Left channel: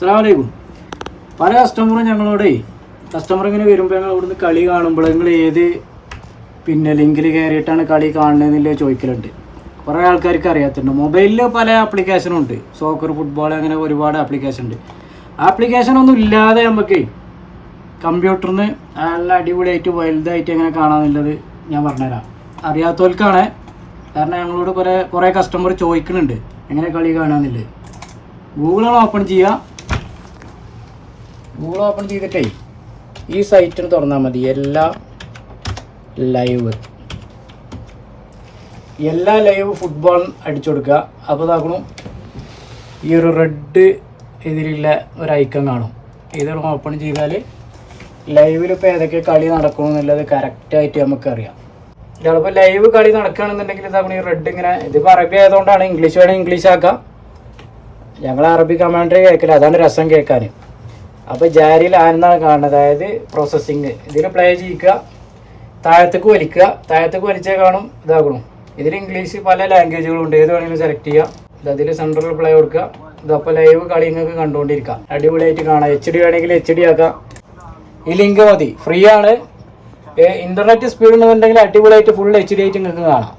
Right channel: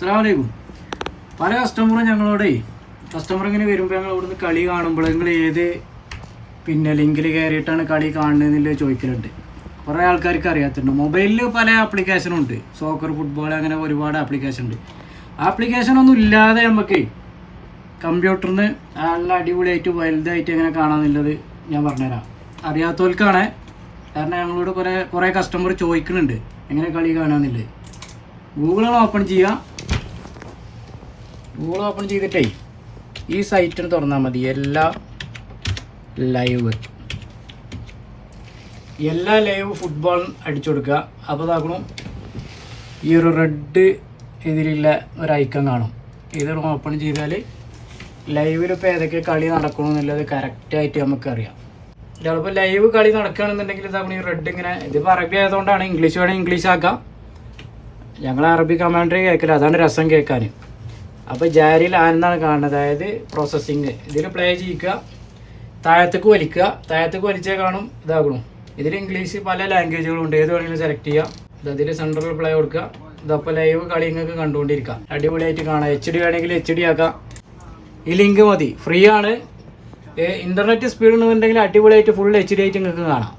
അസ്സലാമലൈക്കും. പല കസ്റ്റമർ ഇങ്ങനെ വരുമ്പോൾ ഞങ്ങൾ ഇവിടുന്ന് കളി കാണുമ്പോൾ നിങ്ങൾ ഏത് ലിങ്കിൽ കയറിയിട്ടാണ് കളി കാണുന്നതെന്നില്ല ചോദിക്കലുണ്ട്. കുറേ ആൾക്കാർക്ക് അറിയാത്തുണ്ട്. മൊബൈലിൽ പല ആപ്ലിക്കേഷനും ഉണ്ട്, സോക്കർ, ഫുട്ബോൾ, അങ്ങനെ ഒരുപാട് ആപ്ലിക്കേഷൻ ഉണ്ട്. ആപ്ലിക്കേഷനൊന്നും ഇല്ലാതെ നമുക്ക് കമ്പ്യൂട്ടറിൽ നിന്ന് നല്ല അടിപൊളിയായിട്ട് വലുതായിട്ട് എങ്ങനെ കാണാമെന്നുള്ളത് ഞാൻ പറഞ്ഞുതരാം. അറിയാത്തവർക്കാണ്, കാരണം ഞങ്ങളോട് കുറേ കസ്റ്റമർ ചോദിക്കുന്നുണ്ട് എങ്ങനെ കളി കാണാമെന്നുള്ളത്. ഗൂഗിളാണ് ഓപ്പൺ ചെയ്യുക. ഗൂഗിൾ ഓപ്പൺ ചെയ്തിട്ടേ ഈ സൈറ്റിന് തുറന്നാൽ മതി. എല്ലാ ലൈവ് ഫുട്ബോൾ അടിച്ചു കൊടുക്കുക. അപ്പോൾ ഇതാക്കണം, ഈ ഒരു റെഡ് ഇതിലുള്ള ഒരു ഐക്കൺ കാണും. ഇതൊന്ന് ഓപ്പൺ ചെയ്താൽ ലൈവിൽ ഇപ്പോൾ ഏതൊക്കെ കളി നടക്കണമെന്നുള്ളത് കറക്റ്റായിട്ട് നമുക്കറിയാം. ചിലപ്പോൾ ലൈവ് കളി നടക്കുകയാണെന്നുണ്ടെങ്കിൽ ഇതാക്കണം, ഈ റെഡ് ഇങ്ങനെ, ഇതിപ്പോൾ അറബി ആയതുകൊണ്ടാണ്, ഇംഗ്ലീഷ് വേണമെങ്കിൽ ഇംഗ്ലീഷ് ആക്കാം. ഞങ്ങൾ അറബി കമാൻഡറി കേൾക്കില്ല, അതാണ് രസം കേൾക്കാൻ. അപ്പോൾ ജാരിയിൽ ആരെന്നാണ് കാണുന്നത്, അതായത് പ്രോസസ്സിങ്. ഇതിൽ പ്ലേ ചെയ്യിക്കുക, താഴത്തേക്ക് വലിച്ചേ കാണും. ഇതാക്കണം, ഇതിൽ ഇംഗ്ലീഷ് പല ലാംഗ്വേജുകളുണ്ട്, ഏത് വേണമെങ്കിലും സെലക്ട് ചെയ്യുക. ഇതിൽ സെൻട്രൽ പ്ലേ കൊടുക്കുക. ഇതപ്പോൾ ലൈവ് കളി നിങ്ങൾക്ക് കണ്ടുകൊണ്ടിരിക്കാം, അടിപൊളിയായിട്ട് കാണാം. HD വേണമെങ്കിൽ HD ആക്കാം. ഈ ലിങ്ക് മതി, ഫ്രീ ആണ്. ഇൻ്റർനെറ്റ് സ്പീഡ് ഉണ്ടെന്നുണ്ടെങ്കിൽ അടിപൊളിയായിട്ട് ഫുൾ HD ആയിട്ട് നിങ്ങൾക്ക് കാണാം.